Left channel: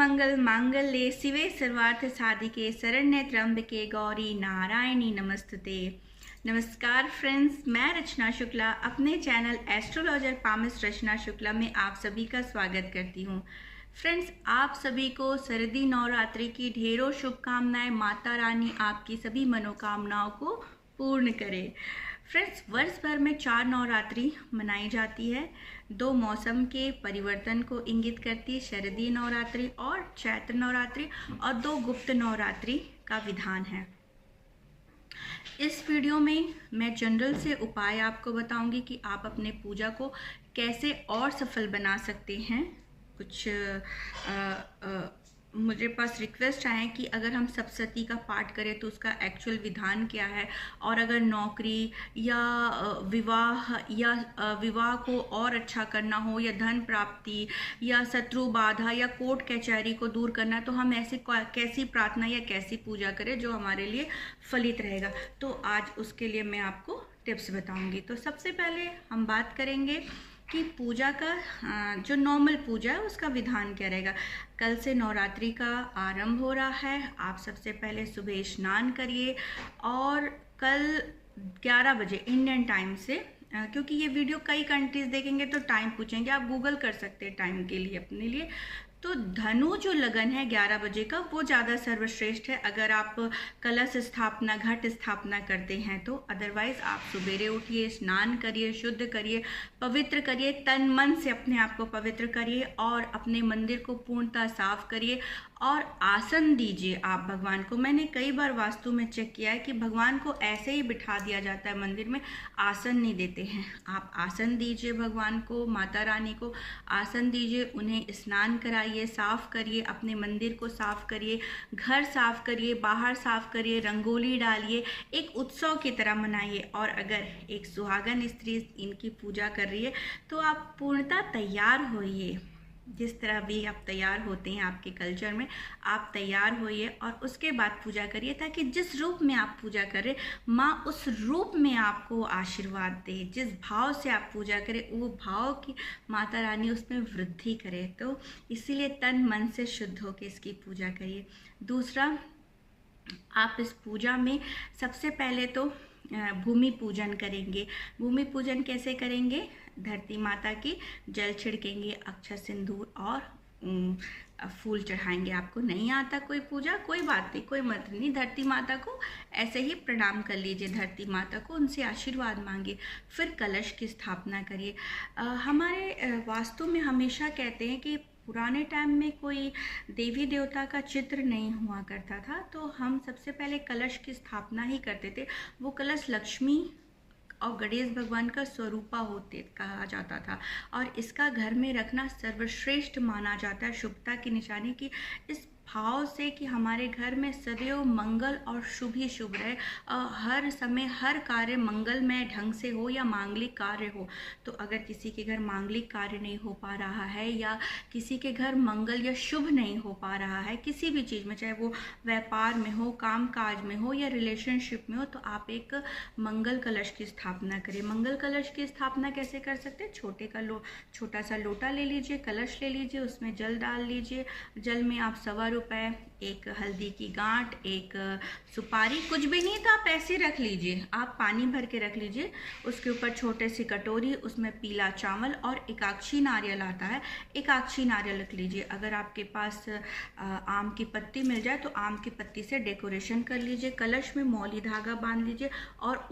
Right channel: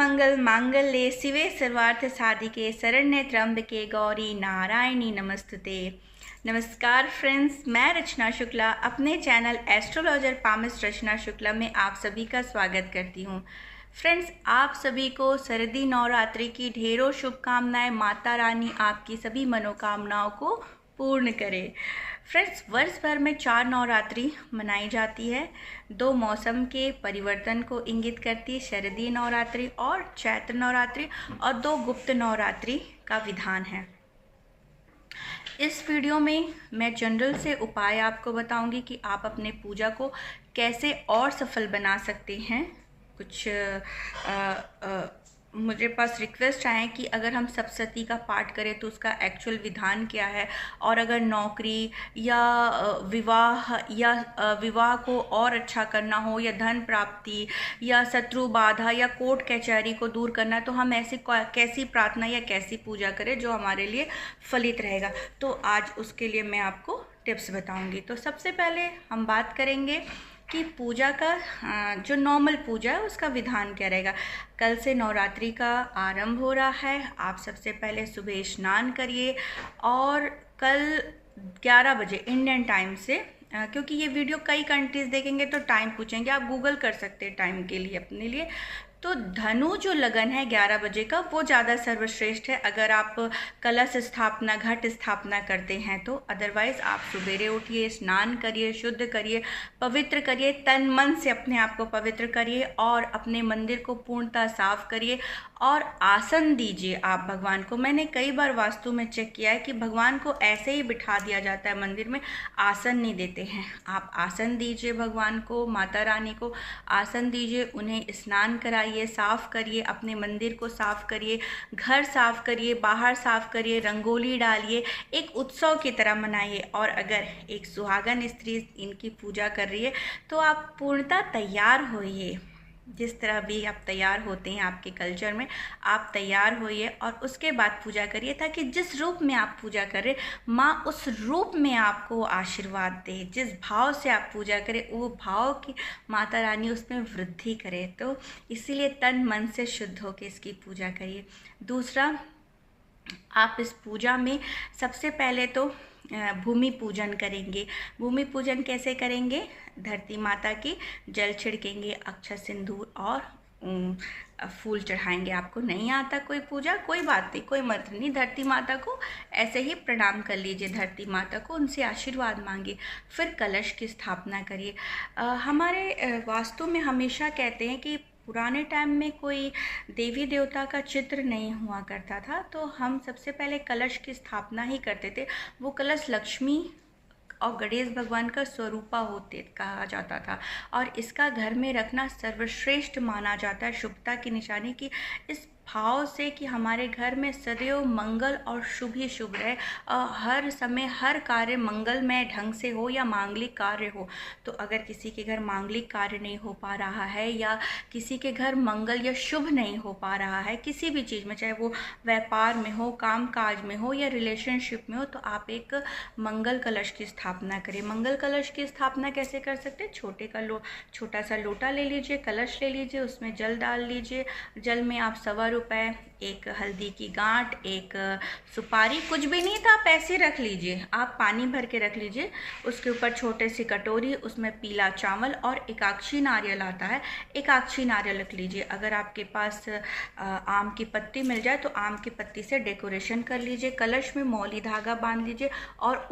सर्वमंगल मांगल्ये शिवे सर्वार्थ साधिके शरण्ये त्र्यंबके गौरी नारायणी नमस्तुते। नमस्कार फ्रेंड्स, मैं रचना शुक्ला अपने चैनल एस्ट्रोलॉजर पामिस्ट रचना शुक्ला में आप सभी का स्वागत करती हूँ। फ्रेंड्स, आप सभी को शरदी नवरात्रि की ढेरों शुभकामनाएं। माता रानी आपकी सभी मनोकामनाओं को पूर्ण करे। फ्रेंड्स, वर्ष भर में 4 नवरात्रि मनाई जाती है। 2 मौसम के परिवर्तन को इंगित करती है, शरदी नवरात्रि और चैत्र नवरात्रि, और 2 गुप्त नवरात्रि का विधान है। इस वीडियो में मैं जनरल से उपाय आपको बताऊंगी कि आप अपने पूजा को कैसे और सफल बना सकते हैं। कुछ मुझे पास रिक्वेस्ट आए कि अगर हम सप्तशती का पाठ करें तो उसका एक्चुअल विधान क्या है, और अगर नौकरी या विवाह को और अच्छा करना हो, या धन प्राप्ति या शत्रु बाधा या कोर्ट कचहरी को दूर करना है, तो हम ऐसी कैसी प्रार्थना या कैसी पूजा करें जो हमारे लिए फलित रहेगा। तो आज उसके लिए मैं आपको टिप्स बताऊंगी। तो सबसे पहले हम बात करेंगे कि पूजा का जो नॉर्मल पूजा है उसका विधान क्या रहेगा। कल से नवरात्रि का आरंभ हो रहा है। आप सबसे पहले सुबह स्नान करिए और कल 11 बजे इंडियन टाइम से, क्योंकि ये वीडियो कई कंट्रीज देखेंगे तो टाइम पूछेंगे, आप गूगल कर सकते हैं टाइम के लिए अपने लिए। तो धनु जो लगन है 11 बजे का, वो ज़्यादा सर्वश्रेष्ठ है अगर आप कलश स्थापना, घट स्थापना करते हैं तो। अदरवाइज़ आप सवेरे उठिए, स्नान करिए, शुद्ध करिए, पवित्र करिए, तन मन से अपने आप को पवित्र करिए और अपने मंदिर को पूर्णतः साफ करिए और आसन दीजिए आप भगवान को। मैंने कई बार वास्तु में चेक किया है कि भगवान को ऐसे ही बिठा दिया जाता है मंदिर में, आसन नहीं देते हैं। आप आसन दीजिए भगवान को, माता रानी को आसन दीजिए, उन्हें स्नान कराइए, साफ करिए, अपने मंदिर को साफ करिए, घर साफ करिए, बाहर साफ करिए, रंगोली डालिए, एक उत्सव की तरह मनाइए। और अगर एक सुहागन स्त्री इनकी पूजा कर रही है तो आप पूर्णतः तैयार होइए। जिस तरह भी आप तैयार होते हैं आपके कल्चर में, आप तैयार होइए और उसके बाद पूजा करिए, ताकि जिस रूप में आप पूजा करें माँ उस रूप में आपको आशीर्वाद दे। जिस भाव से आप पूजा करें वो भाव की माता रानी उसमें वृद्धि करे। तो इसीलिए तन मन से शुद्ध होकर इसकी पूजा करिए। दूसरा, आप इस पूजा में सबसे पहले तो भूमि पूजन करेंगे। भूमि पूजन कैसे करेंगे? धरती माता की जल छिड़केंगे, अक्षत सिंदूर और फूल चढ़ाएंगे। आपको नहीं आता कोई पूजा, कोई बात नहीं, कोई मत नहीं, धरती माता को ऐसे ही प्रणाम कर लीजिए, धरती माता को, उनसे आशीर्वाद मांगिए। फिर कलश की स्थापना करिए। हमारे वास्तु में हमेशा कहते हैं कि पुराने टाइम में कोई देवी देवता का चित्र नहीं हुआ करता था, तो हम सबसे पहले कलश की स्थापना ही करते थे। वो कलश लक्ष्मी और गणेश भगवान का स्वरूपा होते कहा जाता था, और इसका घर में रखना सर्वश्रेष्ठ माना जाता है, शुभता की निशानी की, इस भाव से कि हमारे घर में सदैव मंगल और शुभ ही शुभ रहे, हर समय हर कार्य मंगलमय ढंग से हो या मांगलिक कार्य हो। तो अगर किसी के घर मांगलिक कार्य नहीं हो पा रहा है, या किसी के घर मंगल या शुभ नहीं हो पा रहा है किसी भी चीज़ में, चाहे वो व्यापार में हो, काम काज में हो या रिलेशनशिप में हो, तो आप एक मंगल कलश की स्थापना करें। मंगल कलश की स्थापना कैसे कर सकते हैं? छोटा सा लोटा ले लीजिए, कलश ले लीजिए, उसमें जल डाल लीजिए। जल में आप ₹1 रुपए, एक हल्दी की गांठ, एक सुपारी, कुछ भी नहीं था, पैसे रख लीजिए, आप पानी भर के रख लीजिए। उसके ऊपर छोटे सी कटोरी, उसमें पीला चावल और एकाक्षी नारियल आता है, एकाक्षी नारियल रख लीजिए। अगर आपके पास आम की पत्ती मिल जाए तो आम की पत्ती से डेकोरेशन कर लीजिए। कलश में मौली धागा बांध लीजिए और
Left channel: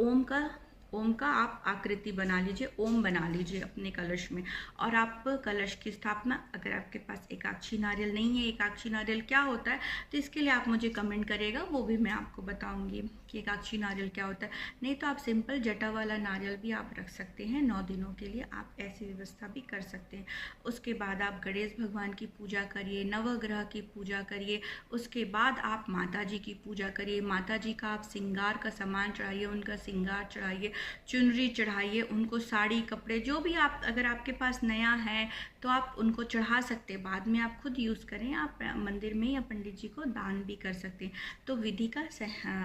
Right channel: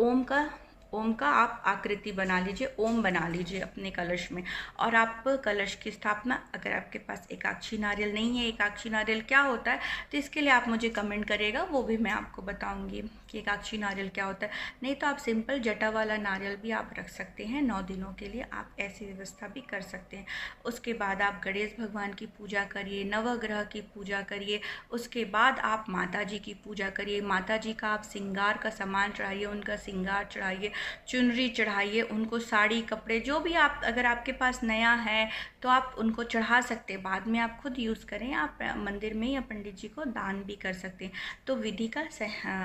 ओम का आप आकृति बना लीजिए, ओम बना लीजिए अपने कलश में, और आप कलश की स्थापना। अगर आपके पास एकाक्षी नारियल नहीं है, एकाक्षी नारियल क्या होता है, तो इसके लिए आप मुझे कमेंट करेगा, वो भी मैं आपको बताऊंगी कि एकाक्षी नारियल क्या होता है। नहीं तो आप सिंपल जटा वाला नारियल भी आप रख सकते हैं। 9 दिनों के लिए आप ऐसी व्यवस्था भी कर सकते हैं। उसके बाद आप गणेश भगवान की पूजा करिए, नवग्रह की पूजा करिए। उसके बाद आप माता जी की पूजा करिए। माता जी का आप श्रृंगार का सामान चढ़ाइए, उनका श्रृंगार चढ़ाइए, चुनरी चढ़ाइए, उनको साड़ी, कपड़े, जो भी आप, अगर आपके पास नया है तो आप उनको चढ़ा सकते हैं। बाद में आप खुद यूज़ करें, आप मंदिर में या पंडित जी को दान भी कर सकते हैं। तो विधि का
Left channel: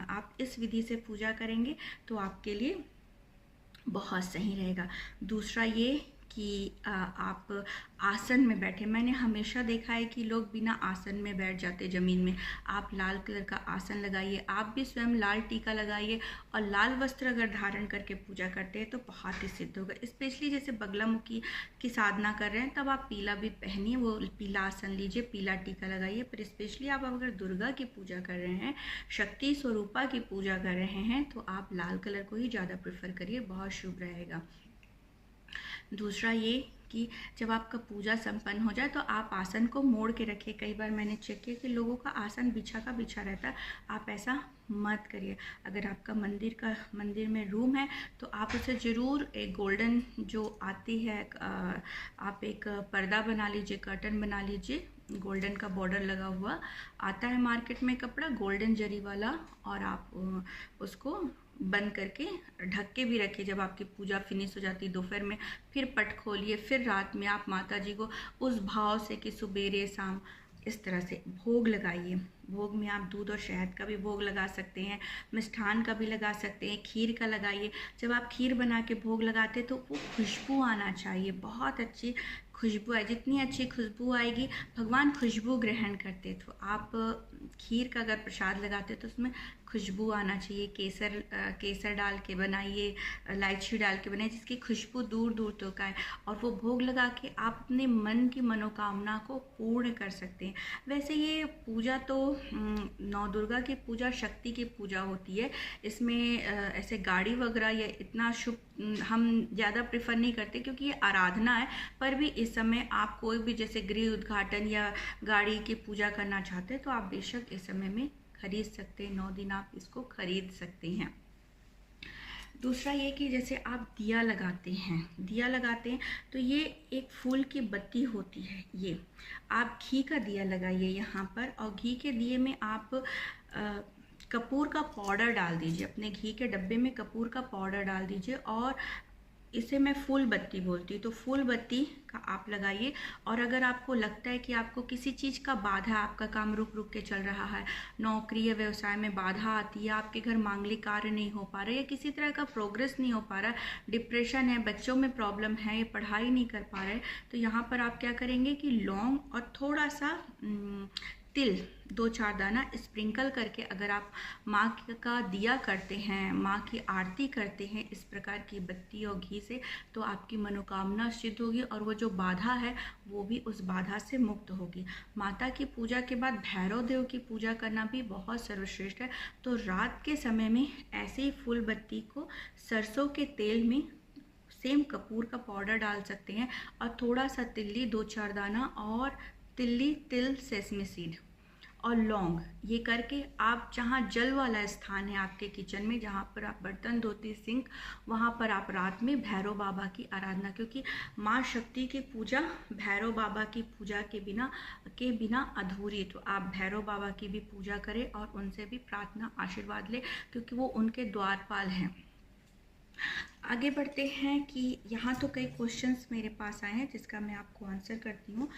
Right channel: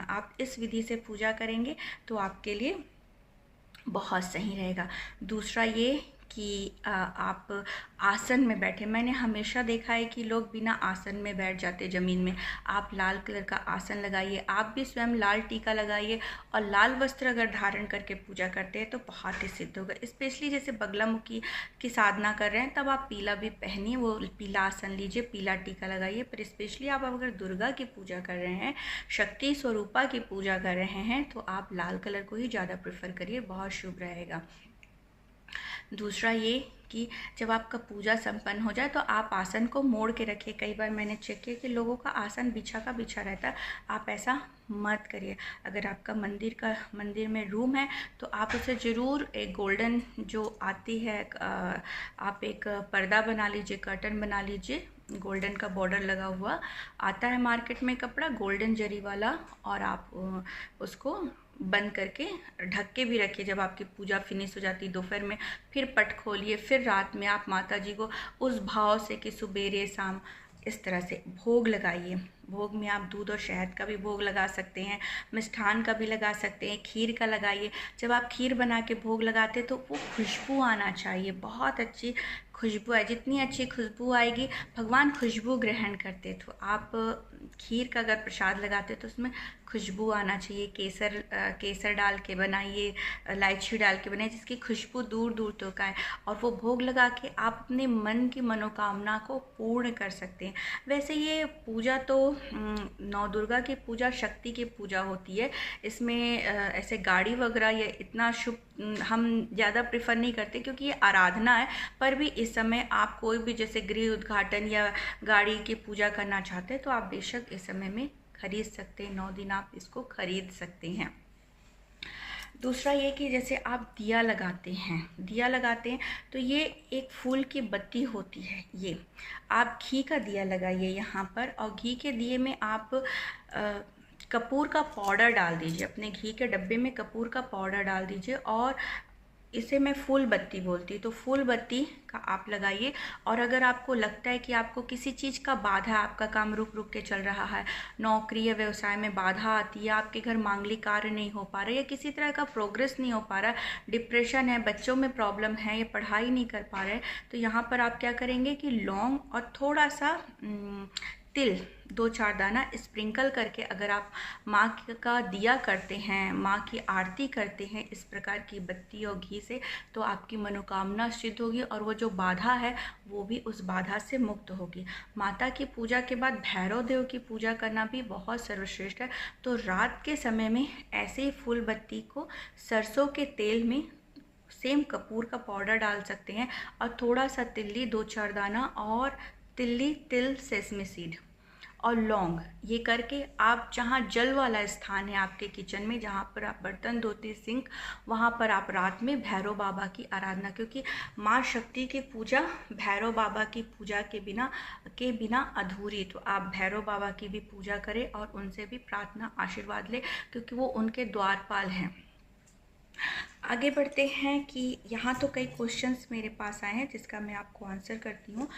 आप इस विधि से पूजा करेंगे तो आपके लिए बहुत सही रहेगा। दूसरा ये कि आप आसन में बैठे। मैंने हमेशा देखा है कि लोग बिना आसन में बैठ जाते ज़मीन में। आप लाल कलर का आसन लगाइए, आप भी स्वयं लाल टीका लगाइए और लाल वस्त्र अगर धारण करके पूजा करते हैं तो बहुत ही सिद्ध होगा। स्पेशली जैसे बगलामुखी की साधना कर रहे हैं तब आप पीला भी पहनिए, वो पीला आसन लीजिए, पीला टीका लगाइए। पर स्पेशली आप अगर दुर्गा की पूजा कर रहे हैं, शक्ति स्वरूपा की पूजा कर रहे हैं, तो आप लाल कलर को ही ज़्यादा प्रेफर करिए, बहुत शुभ रहेगा। दूसरा ये कि जब आपका पूजा संपन्न हो जाए तो आप आसन को मोड़ के रखिए। कई बार मैंने चेक किया कि लोगों का आसन बिछा का बिछा रहता है, आप ऐसा मत करिए। अगर आपका मंदिर में रूम है तो आप उसे ज़रूर एक गोल्डन जो आती है, आप एक पर्दा बना लीजिए, कर्टन बना लीजिए, गोल्डन का बॉर्डर लगा हुआ आता है मार्केट में कपड़ा, गोल्डन जरी वाला, और आप उसको बंद करके ढक के भी रखिए। जब आपकी पूजा फिनिश हो जाती है दोपहर में, फिर पट खोलिए, फिर रात में आप माता जी को उस भाव से कि सुबेरे शाम इस तरह से भोग लगाइए। भोग में आप दूध और शहद का भी भोग लगा सकते हैं, मिष्ठान का भी लगा सकते हैं, खीर का लगाइए। जब आप खीर बना के भोग लगाते हैं तो वो खुशबू आना चाहिए, बहुत अच्छी खुशबू आए। जितनी अच्छी खुशबू आएगी, भगवान खुशबू ग्रहण करते, तो आप खीर का अगर प्रसाद लगाते तो उसमें खुशबू आना चाहिए। केसर डाल के बनाइए, इलायची डाल के बनाइए, जिसकी खुशबू दूर दूर तक आए, और वो भोग लगा के आप अपने मन की मनोकामना को पूर्ण कर सकते हैं। वैसे ये पूजा तो नौ दुर्गा की पूजा शक्ति की पूजा होती है, इसमें ऐसे गाड़ी वगैरह या इतना शुभ हम ज़्यादा प्रेफर नहीं करते, क्योंकि ये आराधना है। पर भी इस समय आप कोई भी जैसे गृह उद्घाटन या गाड़ी की पूजा करना चाहते हैं तो आप बेशक इस समय में खरीद सकते हैं, 9 दिन आप इसको खरीद सकते हैं। दूसरा ये कि जैसे आप दिया लगाते हैं तो ये एक फूल की बत्ती होती है, ये आप घी का दिया लगाइए यहाँ पर, और घी के दिए में आप कपूर का पाउडर डाल दीजिए। अपने घी के डब्बे में कपूर का पाउडर डाल दीजिए, और इसे मैं फूल बत्ती बोलती हूँ, तो फूल बत्ती का आप लगाइए। और अगर आपको लगता है कि आपको किसी चीज़ का बाधा, आपका काम रुक रुक के चल रहा है, नौकरी या व्यवसाय में बाधा आती है, आपके घर मांगलिक कार्य नहीं हो पा रहा है, या किसी तरह का प्रोग्रेस नहीं हो पा रहा है, डिप्रेशन है, बच्चों में प्रॉब्लम है, या पढ़ाई नहीं कर पा रहे, तो यहाँ पर आप क्या करेंगे कि लौंग और थोड़ा सा तिल 2-4 दाना स्प्रिंकल करके अगर आप माँ का दिया करते हैं, माँ की आरती करते हैं इस प्रकार की बत्ती और घी से, तो आपकी मनोकामना सिद्ध होगी, और वो जो बाधा है वो भी उस बाधा से मुक्त होगी। माता की पूजा के बाद भैरव देव की पूजा करना भी बहुत सर्वश्रेष्ठ है। तो रात के समय में ऐसे ही फूल बत्ती को सरसों के तेल में सेम कपूर का पाउडर डाल सकते हैं, और थोड़ा सा तिल्ली 2-4 दाना, और तिल सेसमी सीड और लौंग, ये करके आप जहाँ जल वाला स्थान है आपके किचन में, जहाँ पर आप बर्तन धोते सिंक, वहाँ पर आप रात में भैरव बाबा की आराधना, क्योंकि माँ शक्ति की पूजा भैरव बाबा की पूजा के बिना अधूरी। तो आप भैरव बाबा की भी पूजा करें और उनसे भी प्रार्थना आशीर्वाद लें, क्योंकि वो उनके द्वारपाल हैं। आगे बढ़ते हैं कि यहाँ तो कई क्वेश्चंस मेरे पास आए हैं जिसका मैं आपको आंसर करती हूँ।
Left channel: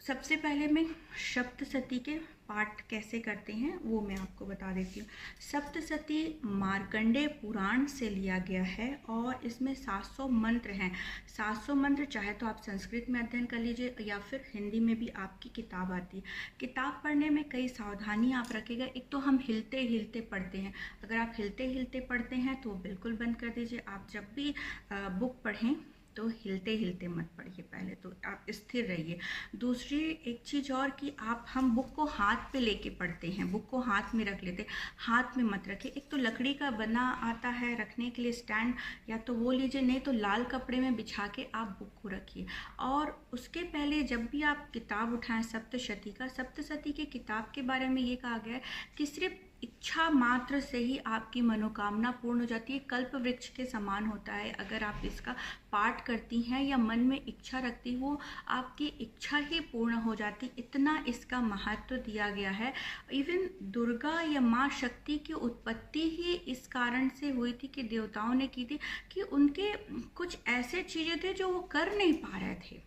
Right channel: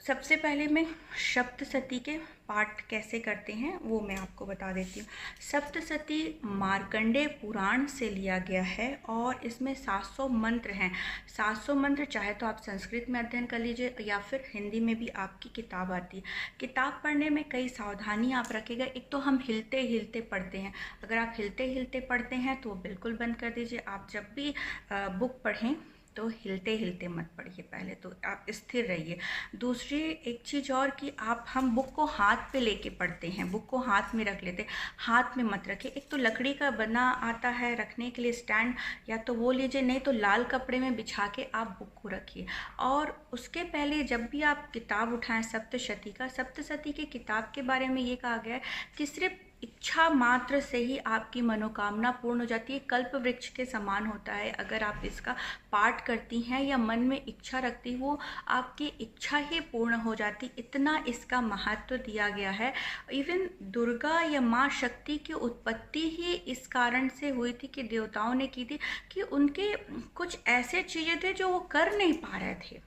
सबसे पहले मैं सप्तशती के पाठ कैसे करते हैं वो मैं आपको बता देती हूँ। सप्तशती मार्कंडेय पुराण से लिया गया है, और इसमें 700 मंत्र हैं। 700 मंत्र चाहे तो आप संस्कृत में अध्ययन कर लीजिए, या फिर हिंदी में भी आपकी किताब आती है। किताब पढ़ने में कई सावधानी आप रखिएगा। एक तो हम हिलते हिलते पढ़ते हैं, अगर आप हिलते हिलते पढ़ते हैं तो बिल्कुल बंद कर दीजिए। आप जब भी बुक पढ़ें तो हिलते हिलते मत पढ़िए, पहले तो आप स्थिर रहिए। दूसरी एक चीज़ और कि हम बुक को हाथ पे लेके पढ़ते हैं, बुक को हाथ में रख लेते हैं, हाथ में मत रखिए। एक तो लकड़ी का बना आता है रखने के लिए स्टैंड, या तो वो लीजिए, नहीं तो लाल कपड़े में बिछा के आप बुक को रखिए। और उसके पहले जब भी आप किताब उठाएं सप्तशती की किताब के बारे में ये कहा गया है कि सिर्फ इच्छा मात्र से ही आपकी मनोकामना पूर्ण हो जाती है। कल्प वृक्ष के समान होता है। अगर आप इसका पाठ करती हैं या मन में इच्छा रखती हो, आपकी इच्छा ही पूर्ण हो जाती। इतना इसका महत्व दिया गया है। इवन दुर्गा या माँ शक्ति की उत्पत्ति ही इस कारण से हुई थी कि देवताओं ने की थी कि उनके कुछ ऐसे चीज़ें थे जो वो कर नहीं पा रहे थे,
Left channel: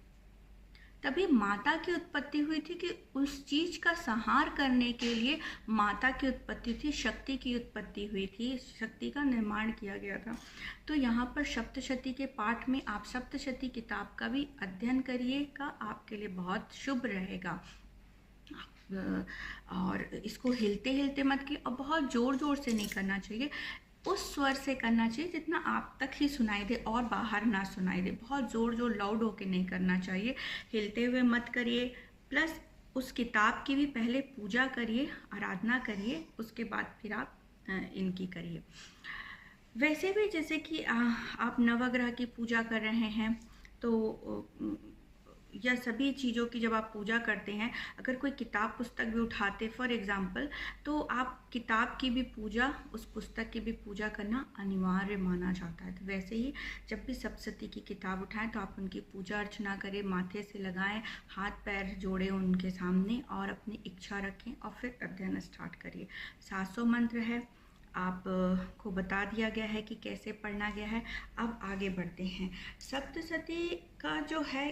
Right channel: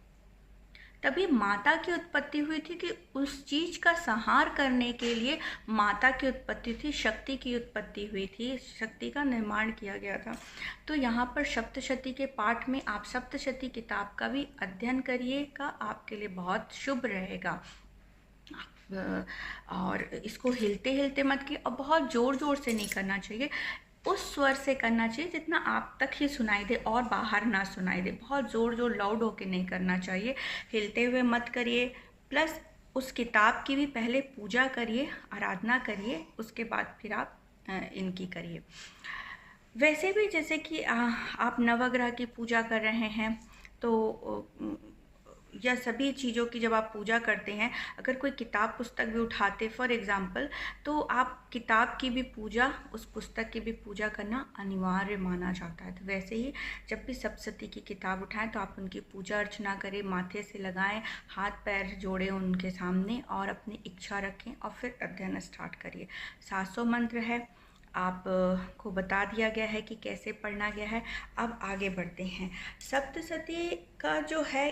तभी माता की उत्पत्ति हुई थी कि उस चीज का संहार करने के लिए माता की उत्पत्ति थी, शक्ति की उत्पत्ति हुई थी, शक्ति का निर्माण किया गया था। तो यहाँ पर सप्तशती के पाठ में आप सप्तशती किताब का भी अध्ययन करिएगा, आपके लिए बहुत शुभ रहेगा। और इसको हिलते हिलते मत कीजिए और बहुत ज़ोर ज़ोर से नहीं करना चाहिए, उस स्वर से करना चाहिए जितना आप तक ही सुनाई दे और बाहर ना सुनाई दे। बहुत ज़ोर ज़ोर लाउड होके नहीं करना चाहिए, हिलते हुए मत करिए। प्लस उस किताब की भी पहले पूजा करिए, आराधना करिए, उसके बाद फिर आप इनकी करिए। वैसे भी जैसे कि आप नवग्रह की पूजा कर रहे हैं तो या सभी चीज़ों की जब आप पूजा करते हैं, अगर कोई किताब पुस्तक भी उठाते फॉर एग्ज़ाम्पल, तो आप किताब की भी पूजा, उस पुस्तक की भी पूजा करना अनिवार्य माना जाता है। तो वैसे ही जब भी सप्तशती की किताब उठाएं तो आप उनकी पूजा अर्चना करें, माथे से लगाएं, हाथ पैर जोड़ें उनके सामने और अपनी इच्छा रखें और फिर अध्ययन स्टार्ट करिए। 700 मंत्र है, आप को बता दिया गया है कि कैसे पढ़ना गया है। अब आगे बढ़ते हैं। सप्तशती का जो है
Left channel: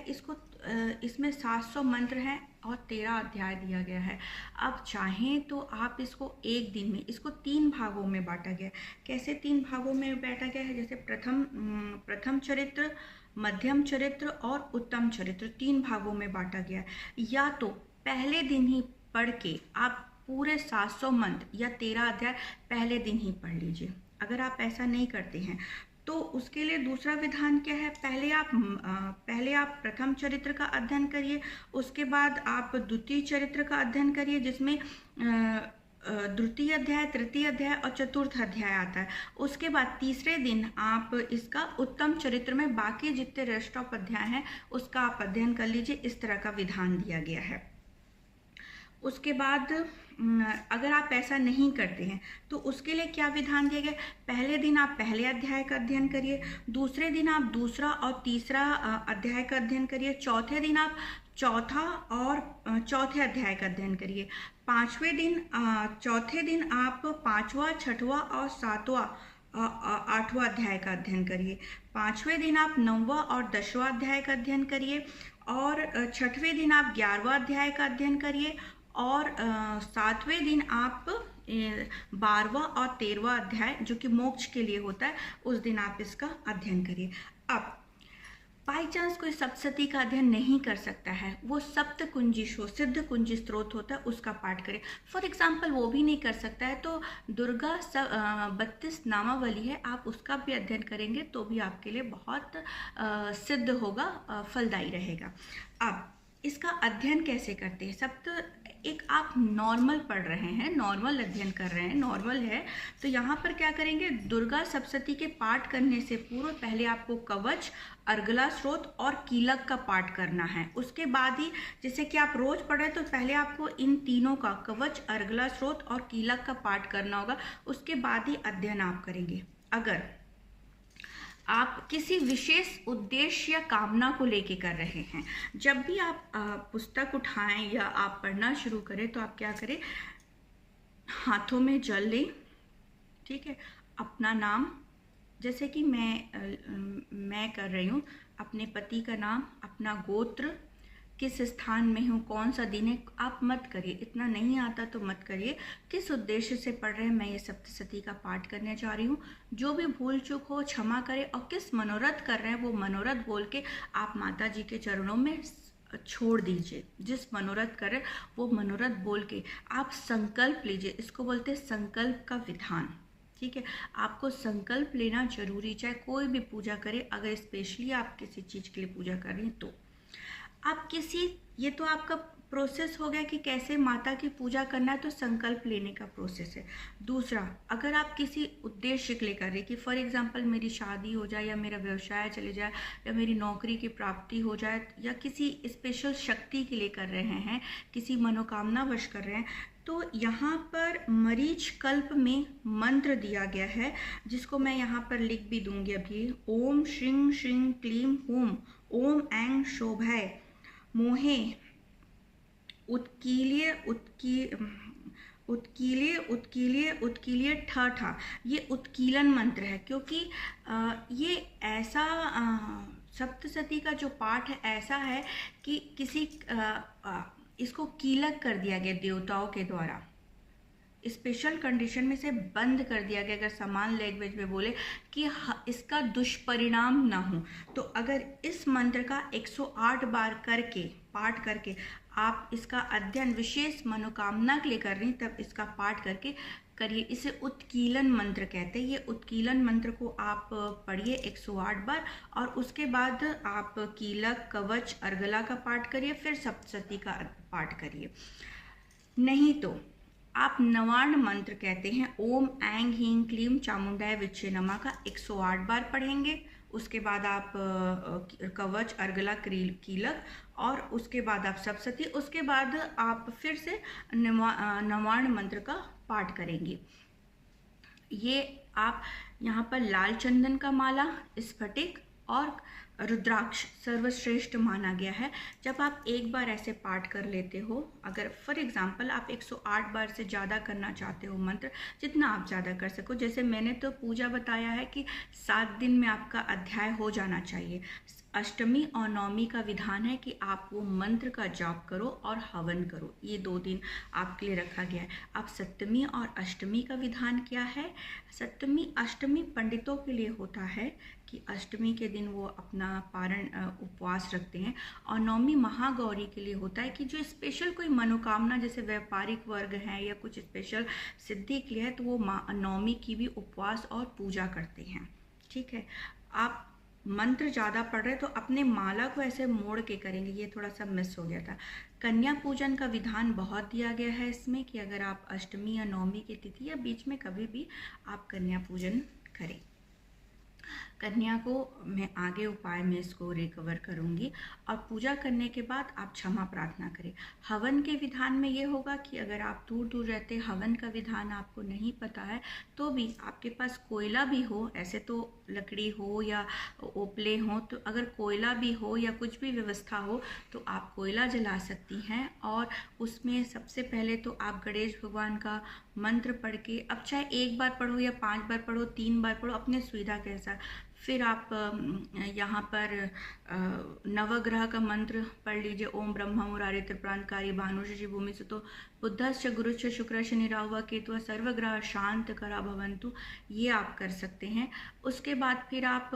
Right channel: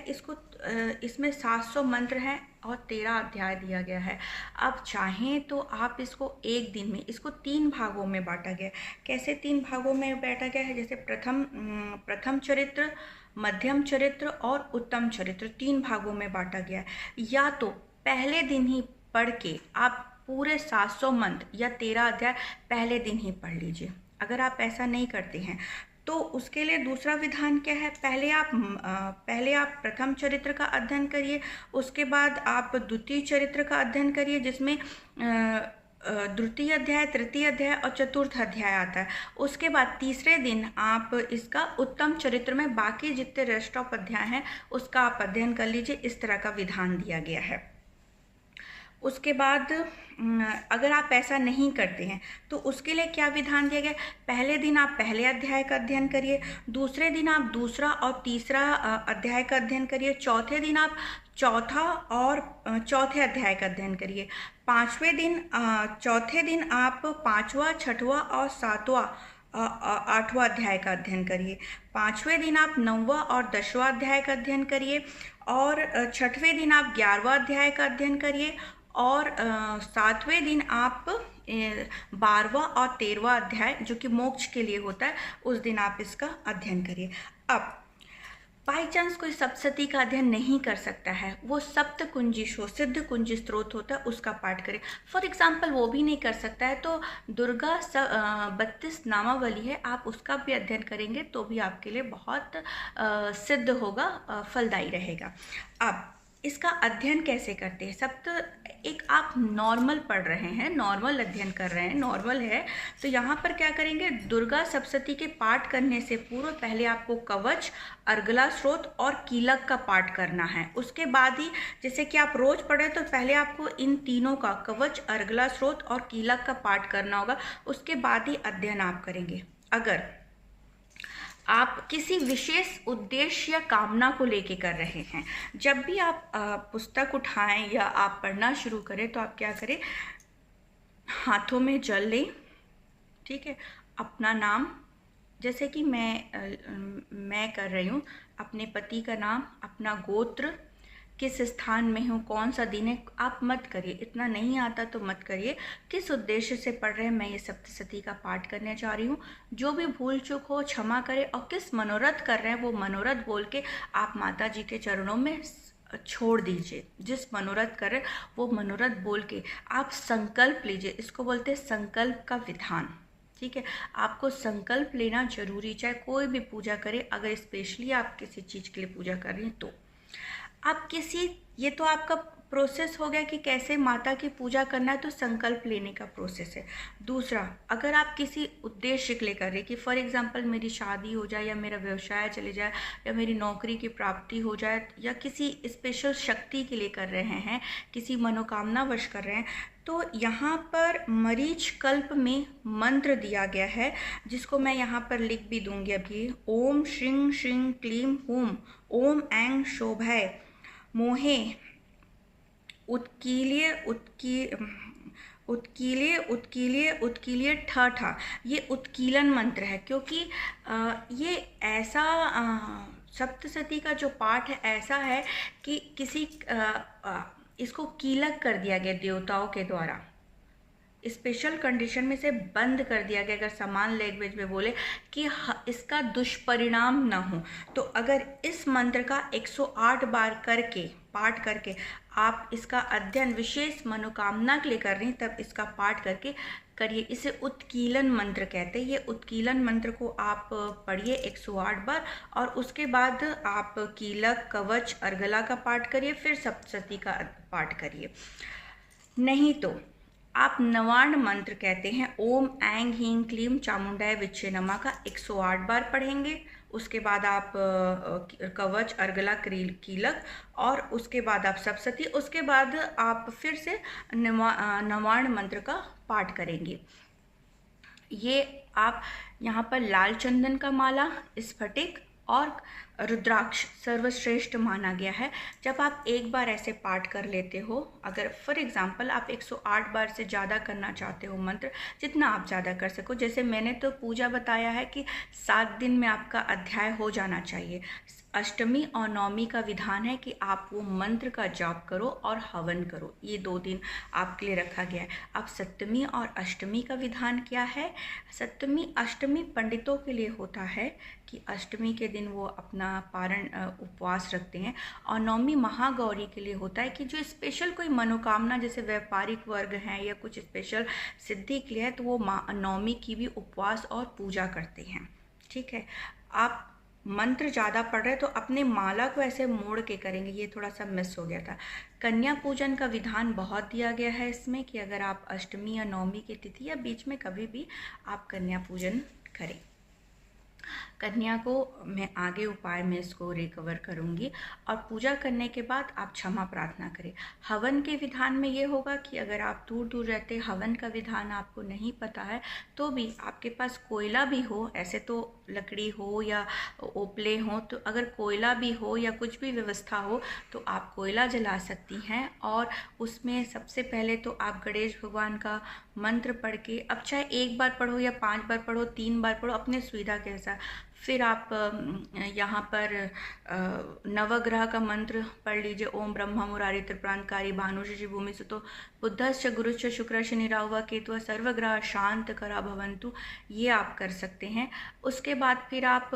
इसमें 700 मंत्र हैं और 13 अध्याय दिया गया है। अब चाहें तो आप इसको एक दिन में, इसको 3 भागों में बांटा गया है। कैसे 3 भागों में बांटा गया है? जैसे प्रथम चरित्र, मध्यम चरित्र और उत्तम चरित्र 3 भागों में बांटा गया है। या तो पहले दिन ही पढ़ के आप पूरे 700 मंत्र या 13 अध्याय पहले दिन ही पढ़ लीजिए। अगर आप ऐसा नहीं करते हैं तो उसके लिए दूसरा विधान क्या है? पहले आप प्रथम चरित्र का अध्ययन करिए, उसके बाद आप द्वितीय चरित्र का अध्ययन करिए, जिसमें द्वितीय अध्याय, तृतीय अध्याय और चतुर्थ अध्याय आता है। उसके बाद तीसरे दिन आप इसका उत्तम चरित्र में बाकी जितने रेस्ट ऑफ अध्याय हैं उसका आप अध्ययन कर लीजिए। इस तरह का विधान दिया गया है। उसके बाद अगर आप ऐसा नहीं करते हैं तो उसके लिए क्या विधान दिया गया? पहले दिन आप पहले अध्याय का अध्ययन करिए, दूसरे दिन आप दूसरा और तीसरा अध्याय का अध्ययन करिए, चौथे दिन आप चौथा और चौथे अध्याय का अध्ययन करिए, चौथे दिन आप 5वां, 6वां और 7वां 8वां अध्याय का अध्ययन करिए, 5वें दिन आप 9वां और 10वां अध्याय का अध्ययन करिए, और 6वें दिन आप 11वां अध्याय का अध्ययन करिए, और 7वें दिन आप 12वां और 13वां अध्याय जो कि मोक्ष के लिए होता है उस दिन आप इसका अध्ययन करिए। अब बाई चांस कोई सप्तशती का अध्ययन नहीं कर सकता है, वो सप्त कुंजी सिद्ध कुंजी स्त्रोत होता है उसका पाठ करे। फॉर एग्जाम्पल वो भी नहीं कर सकता है तो दुर्गा 32 नामावली है, आप उसका भी अध्ययन करेंगे तो भी आपके लिए बहुत सिद्ध होगा, फलदायी रहेगा। अब इसका अध्ययन कैसे करते हैं? एक आप नॉर्मल पढ़ रहे हैं, नॉर्मल अध्ययन कर रहे हैं, नॉर्मल है, तो यहाँ पर क्या करेंगे? दुर्गा सप्तशती के पाठ करने से पूर्व पहले आपको कवच, अर्गला स्रोत और कीलक का पाठ करना है। उसके बाद ही जैसे कि आप रोज पढ़े तो पहले आपको इन तीनों का, कवच, अर्गला स्रोत और कीलक का पाठ करना होगा, उसके बाद ही अध्ययन आप करेंगे। अगर आप किसी विशेष उद्देश्य या कामना को लेके कर रहे हैं, जब भी आप पुस्तक उठाएं या आप पढ़ना शुरू करें तो आप क्या करें? हाथों में जल लें, ठीक है, अपना नाम, जैसे कि मैं कर रही हूँ, अपने पति का नाम, अपना गोत्र, किस स्थान में हूँ, कौन सा दिन है, आप मत करिए, इतना नहीं आता तो मत करिए। किस उद्देश्य से पढ़ रहे हैं? मैं ये सप्तशती का पाठ करने जा रही हूँ, जो भी भूल चूक हो क्षमा करें, और किस मनोरथ कर रहे हैं वो मनोरथ बोल के आप माता जी के चरणों में छोड़ दीजिए। जिस मनोरथ कर रहे हैं वो मनोरथ बोल के आप संकल्प लीजिए, इसको बोलते हैं संकल्प का विधान, ठीक है। आपको संकल्प लेना जरूरी, चाहे कोई भी पूजा करे, अगर स्पेशली आप किसी चीज़ के लिए पूजा कर रही हैं तो आप ये तो आपका प्रोसेस हो गया कि कैसे माता की पूजा करना है, तो संकल्प लेने का प्रोसेस है। दूसरा, अगर आप किसी उद्देश्य के लिए कर रहे हैं कि फॉर एग्जांपल मेरी शादी हो जाए, या मेरा व्यवसाय चले जाए, या मेरी नौकरी की प्राप्ति हो जाए, या किसी स्पेशल शक्ति के लिए कर रहे हैं, किसी मनोकामना वश कर रहे हैं, तो यहाँ पर मरीच कल्प में मंत्र दिया गया है, जिसको मैं यहाँ पर लिख भी दूंगी अभी। ओम श्रीं श्रीं क्लीं हूं ओम ऐं शोभाय मोहे उत्कील्य उत्कील्य ठा। ये उत्कीलन मंत्र है, क्योंकि ये ऐसा सप्तशती का जो पाठ है ऐसा है कि किसी इसको कीलक कर दिया गया देवताओं के द्वारा, स्पेशल कंडीशन में से बंद कर दिया गया। अगर समान लैंग्वेज में बोले कि इसका दुष्परिणाम ना हो, तो अगर इस मंत्र का 108 बार करके पाठ करके आप इसका अध्ययन विशेष मनोकामना के लिए कर रही हैं, तब इसका पाठ करके करिए। इसे उत्कीलन मंत्र कहते हैं। ये उत्कीलन मंत्र को आप पढ़िए 108 बार, और उसके बाद आप कीलक, कवच, अर्गला का पाठ करिए, फिर सप्तशती का पाठ करिए। नहीं तो आप नवार्ण मंत्र कहते हैं ओम ऐंग हींग क्लीम चामुंडाय विच्छे नमा का 108 बार पढ़ेंगे। उसके बाद आप कवच, अर्गला, कीलक, और उसके बाद आप सप्तशती, उसके बाद आप फिर से नवार्ण मंत्र का पाठ करेंगे। ये आप यहाँ पर लाल चंदन का माला, स्फटिक और रुद्राक्ष सर्वश्रेष्ठ माना गया है। जब आप एक बार ऐसे पाठ कर लेते हो, अगर फॉर एग्जांपल आप 108 बार से ज़्यादा करना चाहते हो मंत्र, जितना आप ज़्यादा कर सको, जैसे मैंने तो पूजा बताया है कि 7 दिन में आपका अध्याय हो जाना चाहिए। अष्टमी और नवमी का विधान है कि आप वो मंत्र का जाप करो और हवन करो, ये 2 दिन आपके लिए रखा गया है। अब सप्तमी और अष्टमी का विधान क्या है? सप्तमी अष्टमी पंडितों के लिए होता है कि अष्टमी के दिन वो अपना पारण उपवास रखते हैं, और नवमी महागौरी के लिए होता है कि जो स्पेशल कोई मनोकामना, जैसे व्यापारिक वर्ग हैं या कुछ स्पेशल सिद्धि के लिए है, तो वो नवमी की भी उपवास और पूजा करते हैं। ठीक है, आप मंत्र ज़्यादा पढ़ रहे तो अपने माला को ऐसे मोड़ के करेंगे, ये थोड़ा सा मिस हो गया था। कन्या पूजन का विधान बहुत दिया गया है इसमें कि अगर आप अष्टमी या नवमी की तिथि या बीच में कभी भी आप कन्या पूजन करें। कन्या को मैं आगे उपाय में इसको रिकवर करूँगी। और पूजा करने के बाद आप क्षमा प्रार्थना करें। हवन के विधान में ये होगा कि अगर आप दूर दूर रहते, हवन का विधान आपको नहीं पता है, तो भी आपके पास कोयला भी हो, ऐसे तो लकड़ी हो या ओपले हो, तो अगर कोयला भी हो या कुछ भी व्यवस्था हो तो आप कोयला जला सकती हैं। और उसमें सबसे पहले तो आप गणेश भगवान का मंत्र पढ़ के, अब चाहे 1 बार पढ़ो या 5 बार पढ़ो, 3 बार पढ़ो, अपने सुविधा के अनुसार। फिर आप यहाँ पर नवग्रह का मंत्र पढ़ लीजिए। ओम ब्रह्मा मुरारी त्रिप्रांतकारी भानुषि भूमि सुतो बुद्धश्च गुरुश्च शुक्रश्च निराहुआ केतुः सर्वग्रह शांत करा भवन्तु, ये आप कर सकते हैं। उसके बाद फिर आप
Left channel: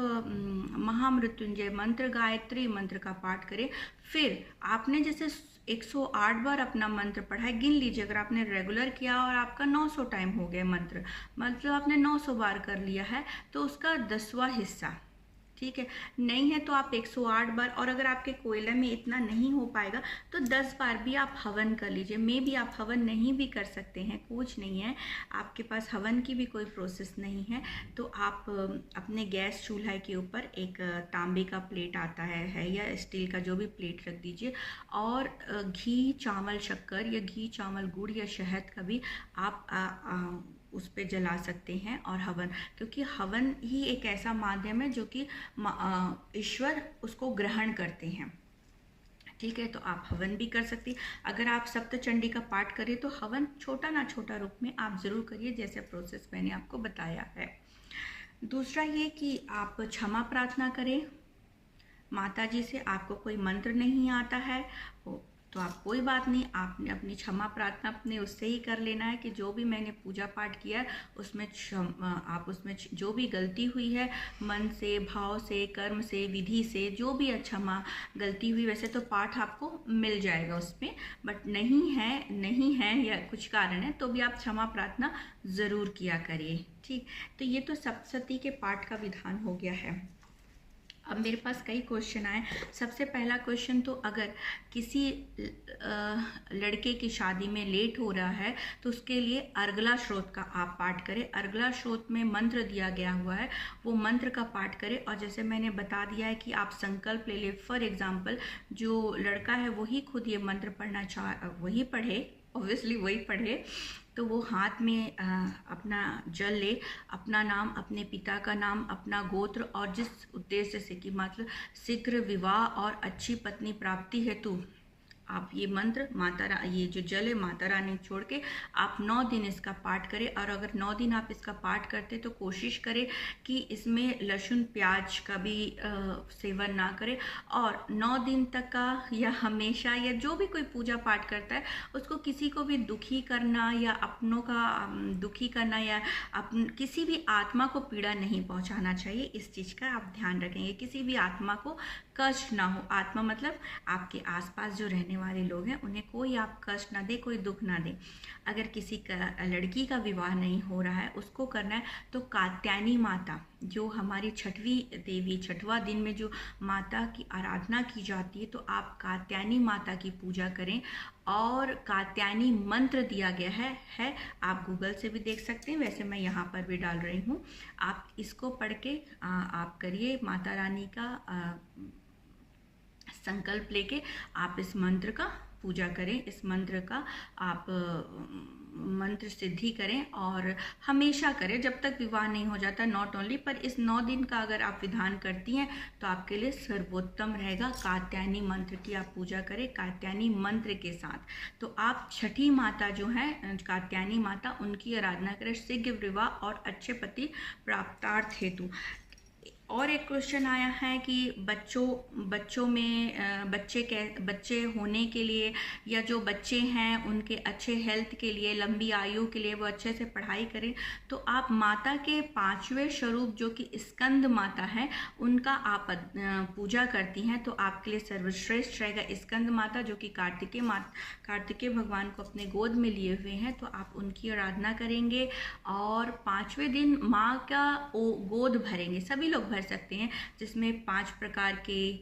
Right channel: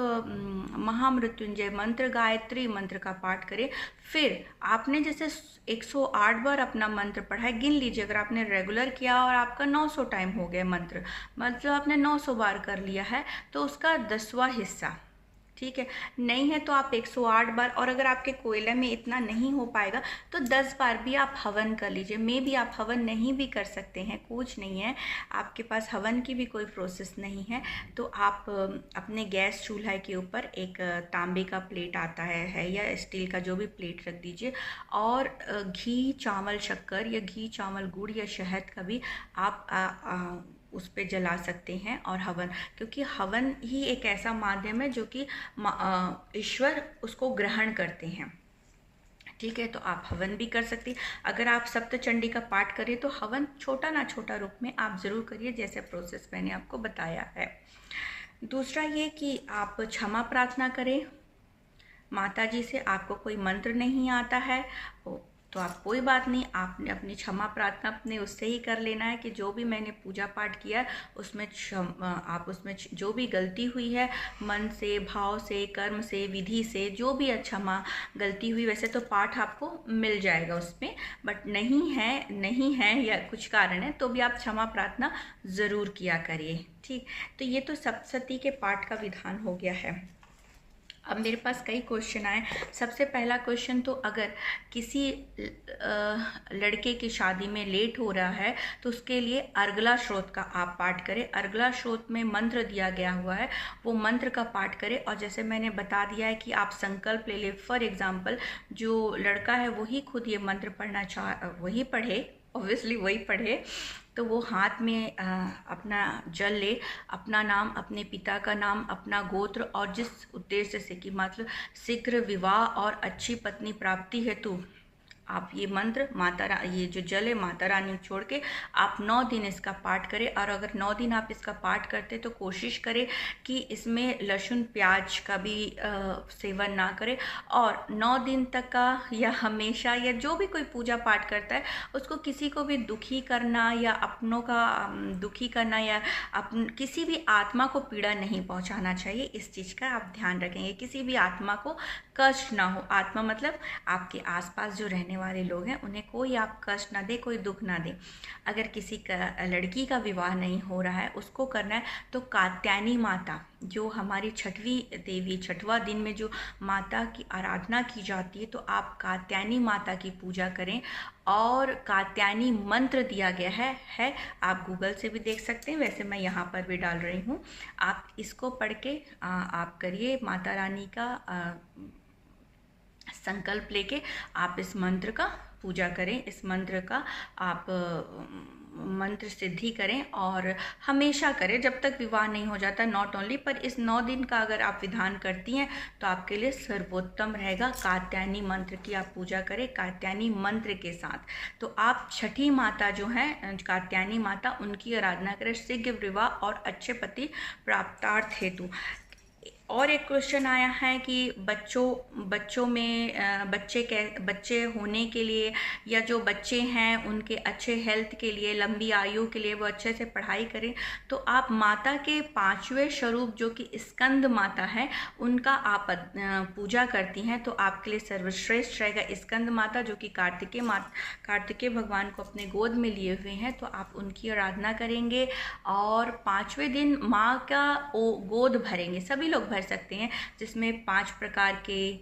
महामृत्युंजय मंत्र, गायत्री मंत्र का पाठ करें। फिर आपने जैसे 108 बार अपना मंत्र पढ़ा है, गिन लीजिए। अगर आपने रेगुलर किया और आपका 900 टाइम हो गया मंत्र, मतलब आपने 900 बार कर लिया है, तो उसका 10वां हिस्सा, ठीक है। नहीं है तो आप 108 बार, और अगर आपके कोयले में इतना नहीं हो पाएगा तो 10 बार भी आप हवन कर लीजिए। मे भी आप हवन नहीं भी कर सकते हैं, कुछ नहीं है, आपके पास हवन की भी कोई प्रोसेस नहीं है, तो आप अपने गैस चूल्हा के ऊपर एक तांबे का प्लेट आता है या स्टील का, जो भी प्लेट रख दीजिए, और घी, चावल, शक्कर या घी, चावल, गुड़ या शहद का भी आप उस पे जला सकते हैं। और हवन, क्योंकि हवन ही एक ऐसा माध्यम है जो कि ईश्वर उसको ग्रहण करते हैं, ठीक है। तो आप हवन भी कर सकती। अगर आप सप्तचंडी का पाठ करें तो हवन छोटा ना छोटा रूप में आप ज़रूर करिए, जैसे प्रोसेस मैंने आपको बताया है। दूसरा ये कि आप क्षमा प्रार्थना करें माता जी से। आपको कोई मंत्र नहीं आता है तो आप कोई बात नहीं, आपने अपनी क्षमा प्रार्थना अपने उससे ही कर लेना है कि जो भी मैंने पूजा पाठ किया उसमें आप उसमें जो भी गलती हुई है, मन से, भाव से, कर्म से, विधि से, जो भी क्षमा गलती हुई, वैसे तो पाठ आपको मिल जाएगा उसमें, बट नहीं है या कुछ कारण है तो भी आप क्षमा प्रार्थना ज़रूर किया करिए, ठीक। तो ये तो सप्तशती के पाठ का विधान हो गया है। अब मेरे पास कई क्वेश्चन आए। सबसे पहला क्वेश्चन, तो अगर किसी लड़के की शादी में लेट हो रहा है तो उसके लिए अर्गला श्रोत का आप पाठ करें। अर्गला श्रोत में मंत्र दिया गया हुआ है, वो मंत्र का पाठ करें। और जैसे मैंने बता दिया है कि आप संकल्प ले लें। फॉर एग्जाम्पल, जो लड़का है वही खुद ये मंत्र पढ़ना वही पढ़े, ऑब्वियसली वही पढ़े, तो वो हाथ में अपना जल ले, अपना नाम, अपने पिता का नाम, अपना गोत्र, और जिस उद्देश्य से कि मतलब शीघ्र विवाह और अच्छी पत्नी प्राप्ति हेतु आप ये मंत्र ये जो जल है माता रानी छोड़ के आप 9 दिन इसका पाठ करें। और अगर 9 दिन आप इसका पाठ करते तो कोशिश करें कि इसमें लहसुन प्याज का भी सेवन ना करें। और 9 दिन तक का या हमेशा या जो भी कोई पूजा पाठ करता है उसको किसी को भी दुखी करना या अपनों का दुखी करना या किसी भी आत्मा को पीड़ा नहीं पहुंचाना चाहिए। इस चीज़ का आप ध्यान रखेंगे, किसी भी आत्मा को कष्ट ना हो। आत्मा मतलब आपके आसपास जो रहने वाले लोग हैं उन्हें कोई आप कष्ट ना दे, कोई दुख ना दे। अगर किसी का लड़की का विवाह नहीं हो रहा है उसको करना है तो कात्यायनी माता जो हमारी छठवीं देवी, छठवां दिन में जो माता की आराधना की जाती है, तो आप कात्यायनी माता की पूजा करें। और कात्यायनी मंत्र दिया गया है आप गूगल से भी देख सकते हैं, वैसे मैं यहाँ पर भी डाल रही हूँ। आप इसको पढ़ के आप करिए, माता रानी का संकल्प लेके आप इस मंत्र का पूजा करें, इस मंत्र का आप मंत्र सिद्धि करें और हमेशा करें जब तक विवाह नहीं हो जाता। नॉट ओनली पर इस 9 दिन का अगर आप विधान करती हैं तो आपके लिए सर्वोत्तम रहेगा। कात्यायनी मंत्र की आप पूजा करें कात्यायनी मंत्र के साथ। तो आप छठी माता जो हैं कात्यायनी माता, उनकी आराधना करें शीघ्र विवाह और अच्छे पति प्राप्तार्थ हेतु। और एक क्वेश्चन आया है कि बच्चों में बच्चे होने के लिए या जो बच्चे हैं उनके अच्छे हेल्थ के लिए, लंबी आयु के लिए, वो अच्छे से पढ़ाई करें। तो आप माता के 5वें स्वरूप जो कि स्कंद माता है उनका आप पूजा करती हैं तो आपके लिए सर्वश्रेष्ठ रहेगा। स्कंद माता जो कि कार्तिकेय भगवान को अपने गोद में लिए हुए हैं, तो आप उनकी आराधना करेंगे और 5वें दिन माँ का गोद भरेंगे। सभी लोग सकते हैं, जिसमें 5 प्रकार के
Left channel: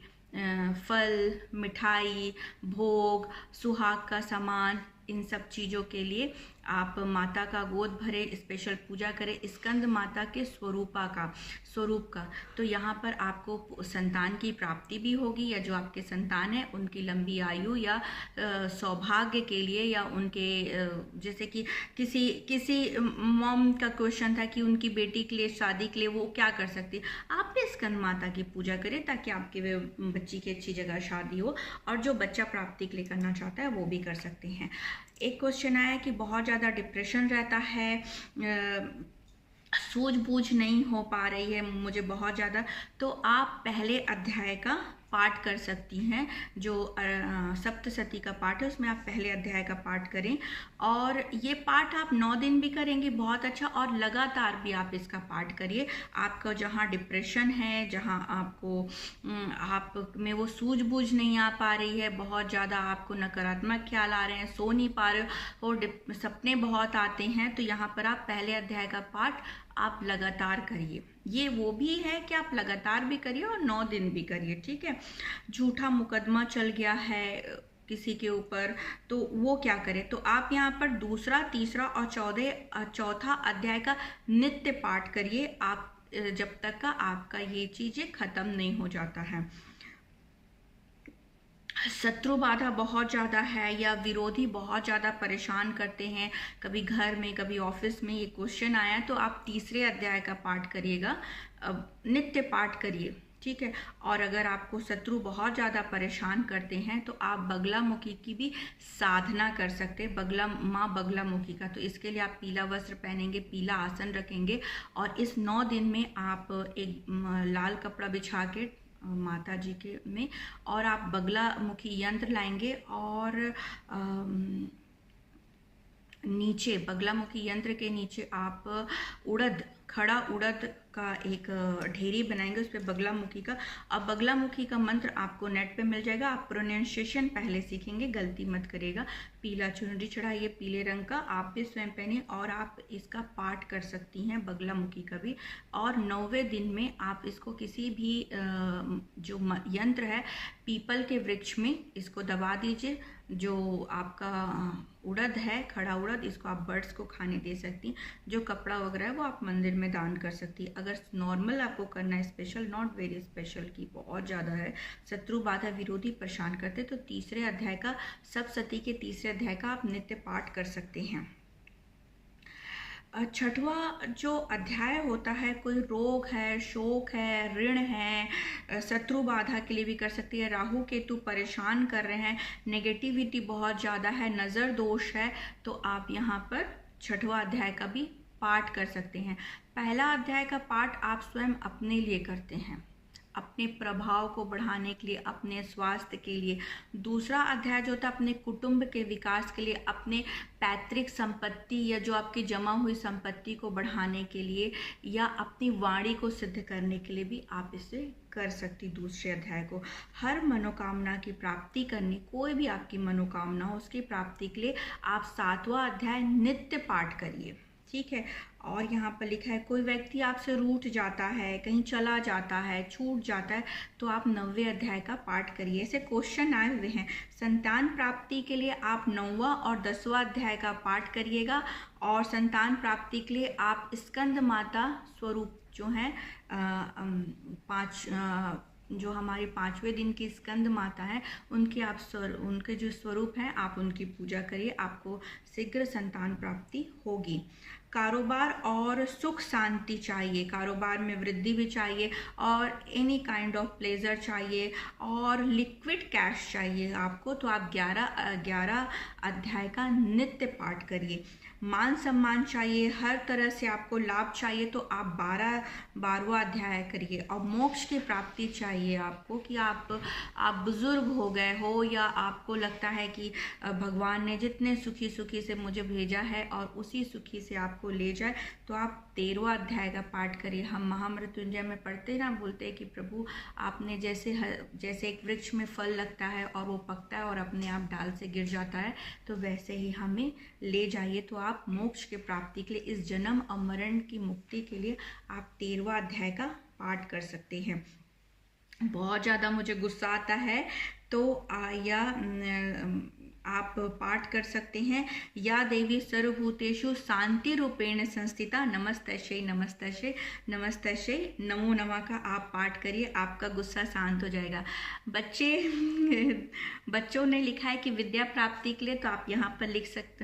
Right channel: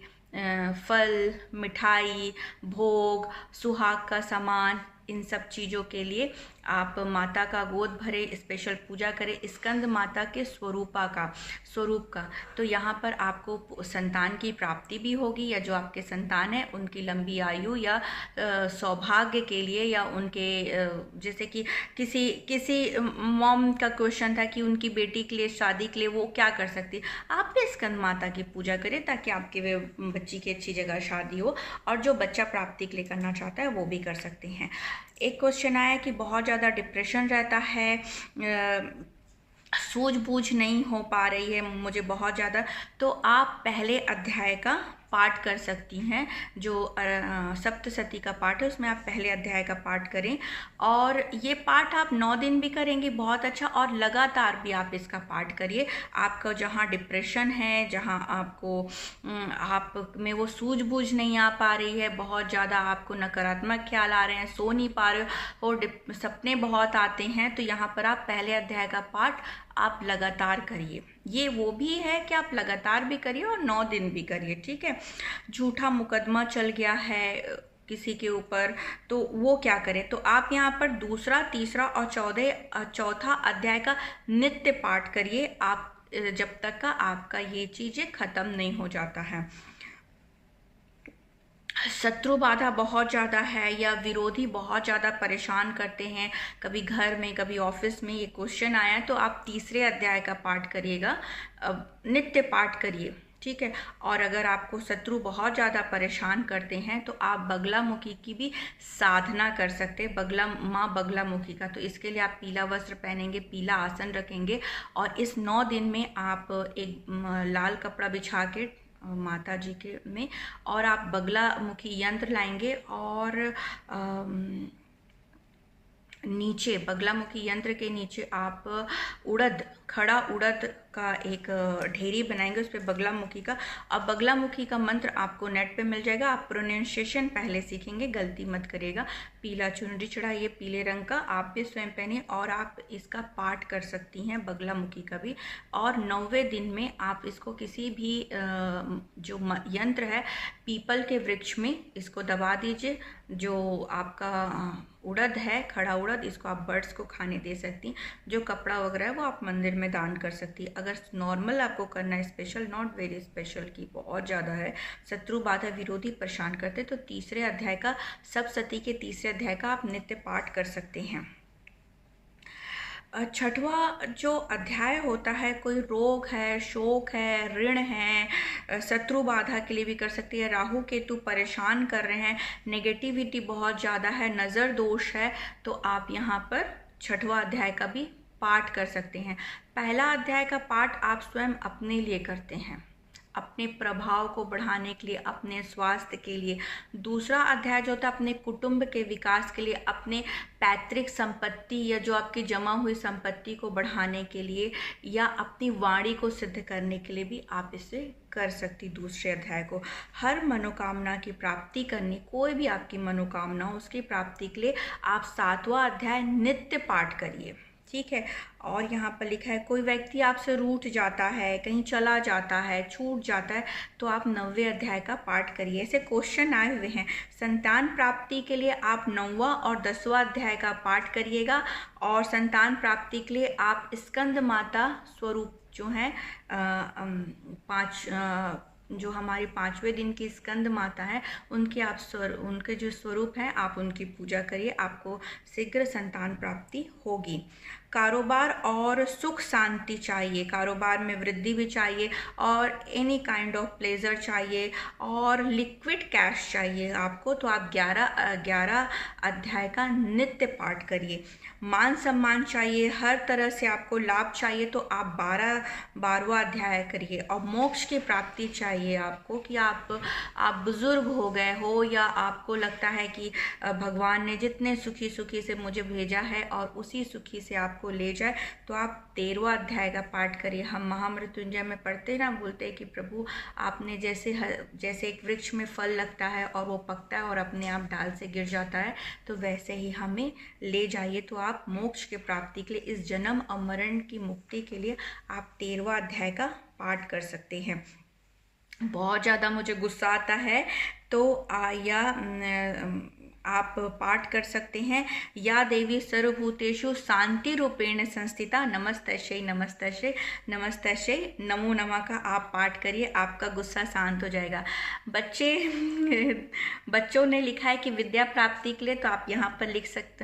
फल, मिठाई, भोग, सुहाग का सामान, इन सब चीज़ों के लिए आप माता का गोद भरे, स्पेशल पूजा करें स्कंद माता के स्वरूप का। तो यहाँ पर आपको संतान की प्राप्ति भी होगी, या जो आपके संतान है उनकी लंबी आयु या सौभाग्य के लिए, या उनके जैसे कि किसी मॉम का क्वेश्चन था कि उनकी बेटी के लिए शादी के लिए वो क्या कर सकती, आप भी स्कंद माता की पूजा करें ताकि आपके बच्ची की अच्छी जगह शादी हो। और जो बच्चा प्राप्ति के लिए करना चाहता है वो भी कर सकते हैं। एक क्वेश्चन आया कि बहुत ज़्यादा डिप्रेशन रहता है, सूझबूझ नहीं हो पा रही है मुझे बहुत ज़्यादा, तो आप पहले अध्याय का पाठ कर सकती हैं। जो सप्तशती का पाठ है उसमें आप पहले अध्याय का पाठ करें, और ये पाठ आप 9 दिन भी करेंगे बहुत अच्छा, और लगातार भी आप इसका पाठ करिए। आपका जहाँ डिप्रेशन है, जहाँ आपको आप में वो सूझबूझ नहीं आ पा रही है, बहुत ज़्यादा आपको नकारात्मक ख्याल आ रहे हैं, सो नहीं पा रहे हो और सपने बहुत आते हैं, तो यहाँ पर आप पहले अध्याय का पाठ आप लगातार करिए। ये वो भी है कि आप लगातार भी करिए और 9 दिन भी करिए, ठीक है। झूठा मुकदमा चल गया है किसी के ऊपर तो वो क्या करें, तो आप यहाँ पर दूसरा, तीसरा और चौथा अध्याय का नित्य पाठ करिए आप जब तक का आपका ये चीज़ें ख़त्म नहीं हो जाता है। शत्रु बाधा बहुत ज़्यादा है या विरोधी बहुत ज़्यादा परेशान करते हैं, कभी घर में कभी ऑफिस में, ये क्वेश्चन आया, तो आप तीसरे अध्याय का पाठ करिएगा, नित्य पाठ करिए, ठीक है। और अगर आपको शत्रु बहुत ज़्यादा परेशान करते हैं तो आप बगलामुखी की भी साधना कर सकते हैं, माँ बगलामुखी का। तो इसके लिए आप पीला वस्त्र पहनेंगे, पीला आसन रखेंगे, और इस 9 दिन में आप एक लाल कपड़ा बिछा के माता जी के में, और आप बगलामुखी यंत्र लाएंगे और नीचे बगलामुखी यंत्र के नीचे आप खड़ा उड़द का एक ढेरी बनाएंगे, उस पर बगलामुखी का। अब बगलामुखी का मंत्र आपको नेट पे मिल जाएगा, आप प्रोनाउंसिएशन पहले सीखेंगे, गलती मत करिएगा। पीला चुनरी चढ़ाइए पीले रंग का, आप भी स्वयं पहनिए और आप इसका पाठ कर सकती हैं बगलामुखी का भी। और 9वें दिन में आप इसको किसी भी जो यंत्र है पीपल के वृक्ष में इसको दबा दीजिए। जो आपका उड़द है, खड़ा उड़द, इसको आप बर्ड्स को खाने दे सकती हैं। जो कपड़ा वगैरह है वो आप मंदिर में दान कर सकती है। अगर नॉर्मल आपको करना है, स्पेशल, नॉट वेरी स्पेशल की बहुत ज़्यादा है, शत्रु बाधा विरोधी परेशान करते, तो तीसरे अध्याय का, सप्तशती के तीसरे अध्याय का आप नित्य पाठ कर सकते हैं। छठवां जो अध्याय होता है, कोई रोग है, शोक है, ऋण है, शत्रु बाधा के लिए भी कर सकती है, राहु केतु परेशान कर रहे हैं, नेगेटिविटी बहुत ज़्यादा है, नज़र दोष है, तो आप यहाँ पर छठवां अध्याय का भी पाठ कर सकते हैं। पहला अध्याय का पाठ आप स्वयं अपने लिए करते हैं, अपने प्रभाव को बढ़ाने के लिए, अपने स्वास्थ्य के लिए। दूसरा अध्याय जो होता है अपने कुटुंब के विकास के लिए, अपने पैतृक संपत्ति या जो आपकी जमा हुई संपत्ति को बढ़ाने के लिए, या अपनी वाणी को सिद्ध करने के लिए भी आप इसे कर सकती। दूसरे अध्याय को हर मनोकामना की प्राप्ति करनी, कोई भी आपकी मनोकामना हो उसकी प्राप्ति के लिए आप 7वां अध्याय नित्य पाठ करिए, ठीक है। और यहाँ पर लिखा है कोई व्यक्ति आपसे रूठ जाता है, कहीं चला जाता है, छूट जाता है, तो आप 9वें अध्याय का पाठ करिए। ऐसे क्वेश्चन आए हुए हैं। संतान प्राप्ति के लिए आप 9वां और 10वां अध्याय का पाठ करिएगा, और संतान प्राप्ति के लिए आप स्कंद माता स्वरूप जो हैं जो हमारे 5वें दिन की स्कंद माता है उनके जो स्वरूप हैं आप उनकी पूजा करिए, आपको शीघ्र संतान प्राप्ति होगी। कारोबार और सुख शांति चाहिए, कारोबार में वृद्धि भी चाहिए, और एनी काइंड ऑफ प्लेजर चाहिए, और लिक्विड कैश चाहिए आपको, तो आप 11 अध्याय का नित्य पाठ करिए। मान सम्मान चाहिए, हर तरह से आपको लाभ चाहिए, तो आप 12वां अध्याय करिए। और मोक्ष की प्राप्ति चाहिए आपको, कि आप बुजुर्ग हो गए हो, या आपको लगता है कि भगवान ने जितने सुखी से मुझे भेजा है और उसी सुखी से आपको ले जाए, तो आप 13वां अध्याय का पाठ करिए। हम महामृत्युंजय में पढ़ते ना, बोलते हैं कि प्रभु आपने जैसे एक वृक्ष में फल लगता है और वो पकता है और अपने आप डाल से गिर जाता है, तो वैसे ही हमें ले जाइए। तो आप मोक्ष की प्राप्ति के लिए, इस जन्म और मरण की मुक्ति के लिए आप 13वां अध्याय का पाठ कर सकते हैं। बहुत ज़्यादा मुझे गुस्सा आता है तो आप पाठ कर सकते हैं, या देवी सर्वभूतेषु शांति रूपेण संस्थिता नमस्तस्यै नमस्तस्यै नमस्तस्यै नमो नमः का आप पाठ करिए, आपका गुस्सा शांत हो जाएगा। बच्चों ने लिखा है कि विद्या प्राप्ति के लिए, तो आप यहाँ पर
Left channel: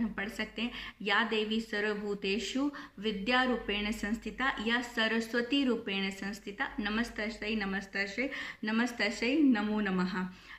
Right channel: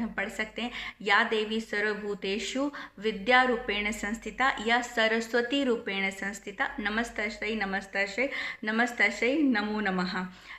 पढ़ सकते हैं, या देवी सर्वभूतेषु विद्या रूपेण संस्थिता या सरस्वती रूपेण संस्थिता नमस्तस्यै नमस्तस्यै नमस्तस्यै नमो नमः।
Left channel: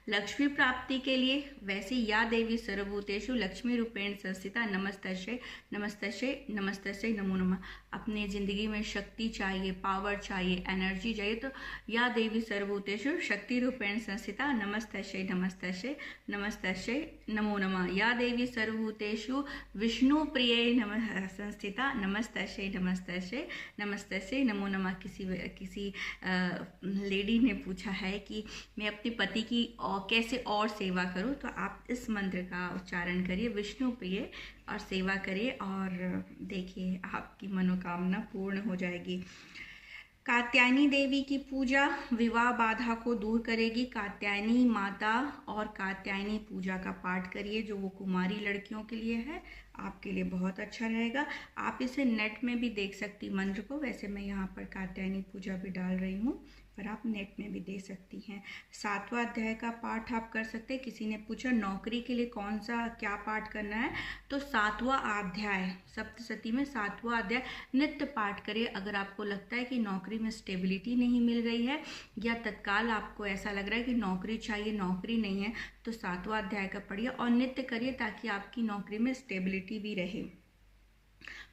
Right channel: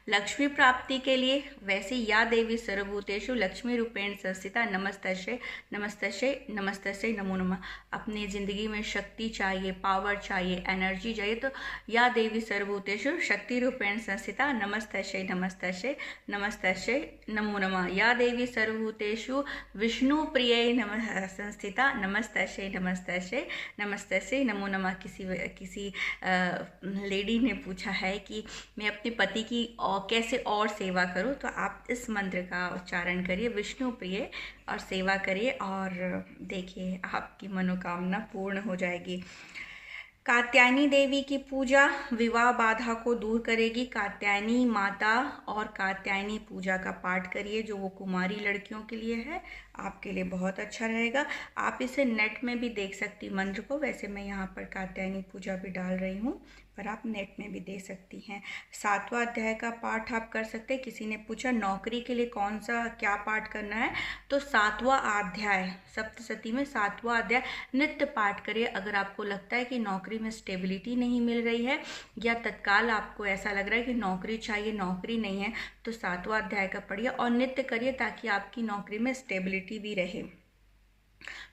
लक्ष्मी प्राप्ति के लिए वैसे या देवी सर्वभूतेषु लक्ष्मी रूपेण संस्थिता नमस्तस्यै नमस्तस्यै नमस्तस्यै नमो नमः। अपने ज़िंदगी में शक्ति चाहिए, पावर चाहिए, एनर्जी चाहिए, तो या देवी सर्वभूतेषु शक्ति रूपेण संस्थिता नमस्तस्यै नमस्तस्यै नमस्तस्यै नमो नमः। या देवी सर्वभूतेषु विष्णु प्रिय नमः संस्थिता नमस्तस्यै नमस्तस्यै नमस्तस्यै नमो नमः। किसी लेडी ने पूछा है कि मैं अपने पति की कैसे और सेवा करूं, तो आप इस मंत्र का उच्चारण करिए, विष्णु प्रिय, और सेवा करिए, और देखिए आपकी मनोकामना पूर्ण हो जाएगी। कात्यायनी देवी की पूजा विवाह बाधा को दूर करेगी। कात्यायनी माता और कात्यायनी पूजा का पाठ करिए, जो वो कुमारी लड़कियों के लिए है, आपके लिए बहुत अच्छा रहेगा। आप इसे नेट में भी देख सकती मंत्र को, वैसे मैं यहाँ पर कात्यायनी पूजा भी डाल रही हूँ, पर आप नेट में भी दे सकती हैं। 7वां अध्याय का पाठ आप कर सकते हैं। किसी ने पूछा नौकरी के लिए कौन सा क्या पाठ करना है, तो 7वां अध्याय, सप्तशती में 7वां अध्याय नित्य पाठ करिए। अगर आपको लगता है कि नौकरी में स्टेबिलिटी नहीं मिल रही है, या तत्काल आपको ऐसा लग रहा है कि नौकरी चाहिए, नौकरी नहीं है, तो 7वां अध्याय का पढ़िए और नित्य करिए, ताकि आपकी नौकरी में स्टेबिलिटी भी रहे।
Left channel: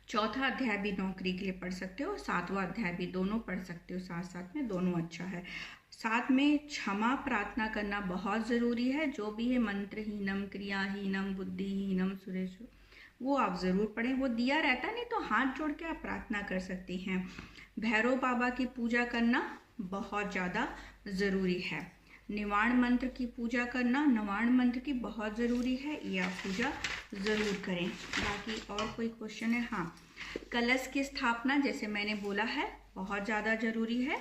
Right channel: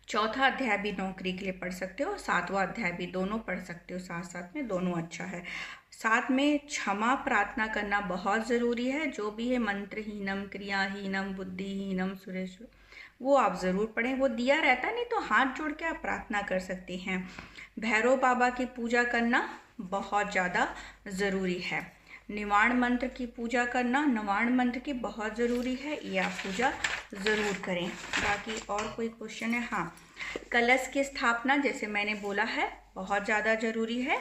4था अध्याय भी नौकरी के लिए पढ़ सकते हो, 7वां अध्याय भी, दोनों पढ़ सकते हो साथ साथ में, दोनों अच्छा है। साथ में क्षमा प्रार्थना करना बहुत ज़रूरी है। जो भी है मंत्रहीनम क्रियाहीनम बुद्धिहीनम सुरेश, वो आप ज़रूर पढ़ें, वो दिया रहता है, नहीं तो हाथ जोड़ के आप प्रार्थना कर सकती हैं। भैरव बाबा की पूजा करना बहुत ज़्यादा ज़रूरी है। निवाण मंत्र की पूजा करना, निवाण मंत्र की बहुत ज़रूरी है, ये आप पूजा ज़रूर करें। बाकी और कोई क्वेश्चन है? हाँ, कलश की स्थापना जैसे मैंने बोला है बहुत ज़्यादा ज़रूरी है।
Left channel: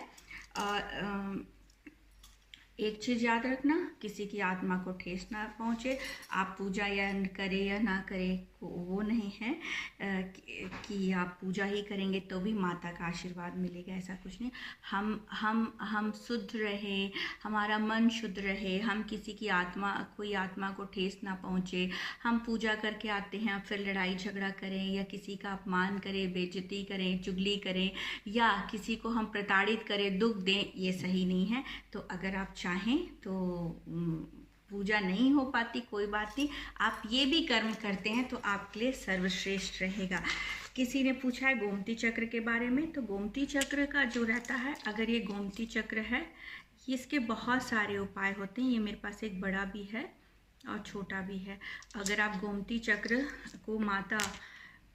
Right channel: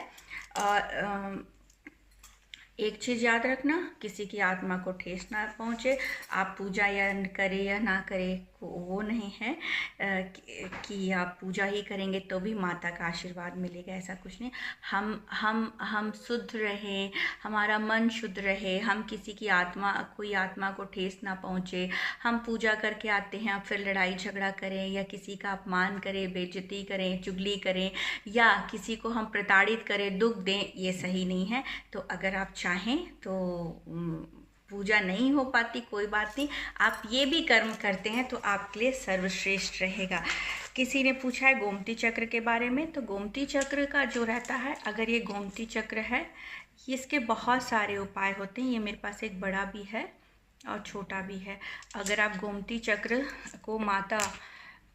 एक चीज़ याद रखना, किसी की आत्मा को ठेस ना पहुँचे। आप पूजा या करें या ना करें वो नहीं है कि आप पूजा ही करेंगे तो भी माता का आशीर्वाद मिलेगा, ऐसा कुछ नहीं। हम शुद्ध रहे, हमारा मन शुद्ध रहे, हम किसी की कोई आत्मा को ठेस ना पहुँचे। हम पूजा करके आते हैं, अब फिर लड़ाई झगड़ा करें या किसी का अपमान करें, बेइज्जती करें, चुगली करें या किसी को हम प्रताड़ित करें, दुख दें, ये सही नहीं है। तो अगर आप चाहें तो पूजा नहीं हो पाती, कोई बात नहीं, आप ये भी कर्म करते हैं तो आपके लिए सर्वश्रेष्ठ रहेगा। किसी ने पूछा है गोमती चक्र के बारे में, तो गोमती चक्र का जो रहता है, अगर ये गोमती चक्र है, इसके बहुत सारे उपाय होते हैं। ये मेरे पास एक बड़ा भी है और छोटा भी है। अगर आप गोमती चक्र को माता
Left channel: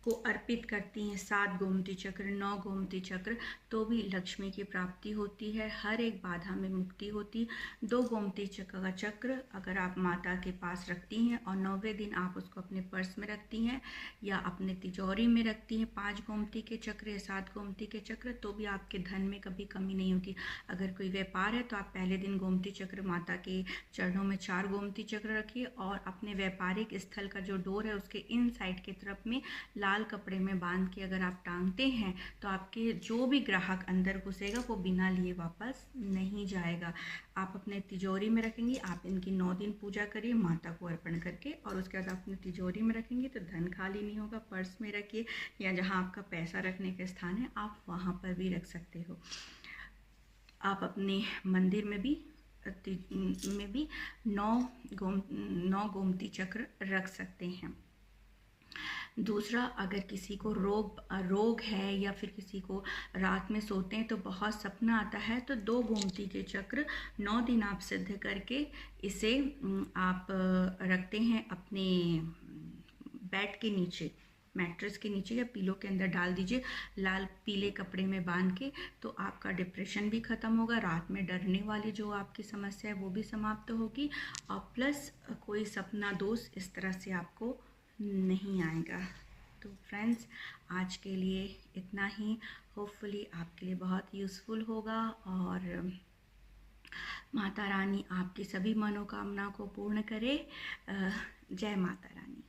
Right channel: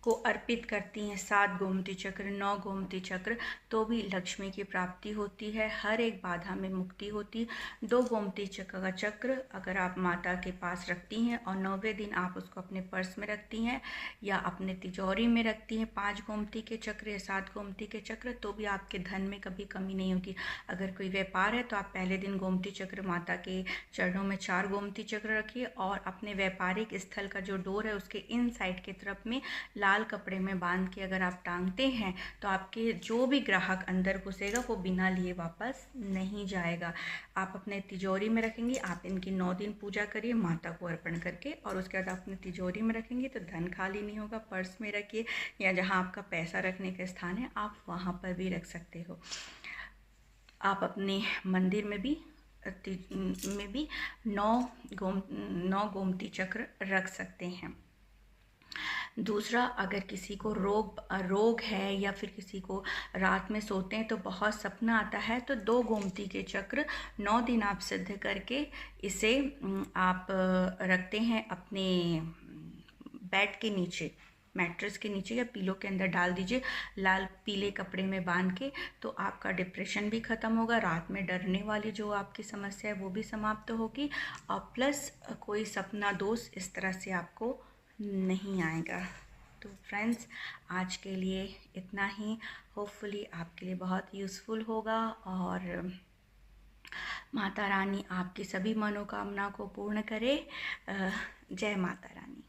को अर्पित करती हैं, 7 गोमती चक्र, 9 गोमती चक्र, तो भी लक्ष्मी की प्राप्ति होती है, हर एक बाधा में मुक्ति होती। 2 गोमती चक्र का चक्र अगर आप माता के पास रखती हैं और 9वें दिन आप उसको अपने पर्स में रखती हैं या अपने तिजोरी में रखती हैं, 5 गोमती के चक्र या 7 गोमती के चक्र, तो भी आपके धन में कभी कमी नहीं होगी। अगर कोई व्यापार है तो आप पहले दिन गोमती चक्र, माता के चरणों में 4 गोमती चक्र रखिए और अपने व्यापारिक स्थल का जो डोर है उसके इन साइड की तरफ में लाल कपड़े में बांध के अगर आप टांगते हैं तो आपके जो भी ग्राहक अंदर घुसेगा वो बिना लिए वापस नहीं जाएगा। आप अपने तिजोरी में रखेंगे, आप इनकी 9 दिन पूजा करिए माता को अर्पण करके, और उसके बाद आप अपने तिजोरी में रखेंगे तो धन खाली नहीं होगा। पर्स में रखिए या जहाँ आपका पैसा रखने का स्थान है आप वहाँ पर भी रख सकते हो। आप अपने मंदिर में भी 9 गोमती चक्र रख सकते हैं। दूसरा, अगर किसी को रोग है या फिर किसी को रात में सोते हैं तो बहुत सपना आता है, तो 2 गोमती के चक्र 9 दिन आप सिद्ध करके इसे आप रखते हैं अपने बेड के नीचे, मैट्रेस के नीचे या पिलो के अंदर डाल दीजिए, लाल पीले कपड़े में बांध के, तो आपका डिप्रेशन भी ख़त्म होगा, रात में डरने वाली जो आपकी समस्या है वो भी समाप्त होगी, और प्लस कोई सपना दोष इस तरह से आपको नहीं आएगा। तो फ्रेंड्स, आज के लिए इतना ही। होपफुली आपके लिए बहुत यूज़फुल होगा और माता रानी आपकी सभी मनोकामना को पूर्ण करे। जय माता रानी।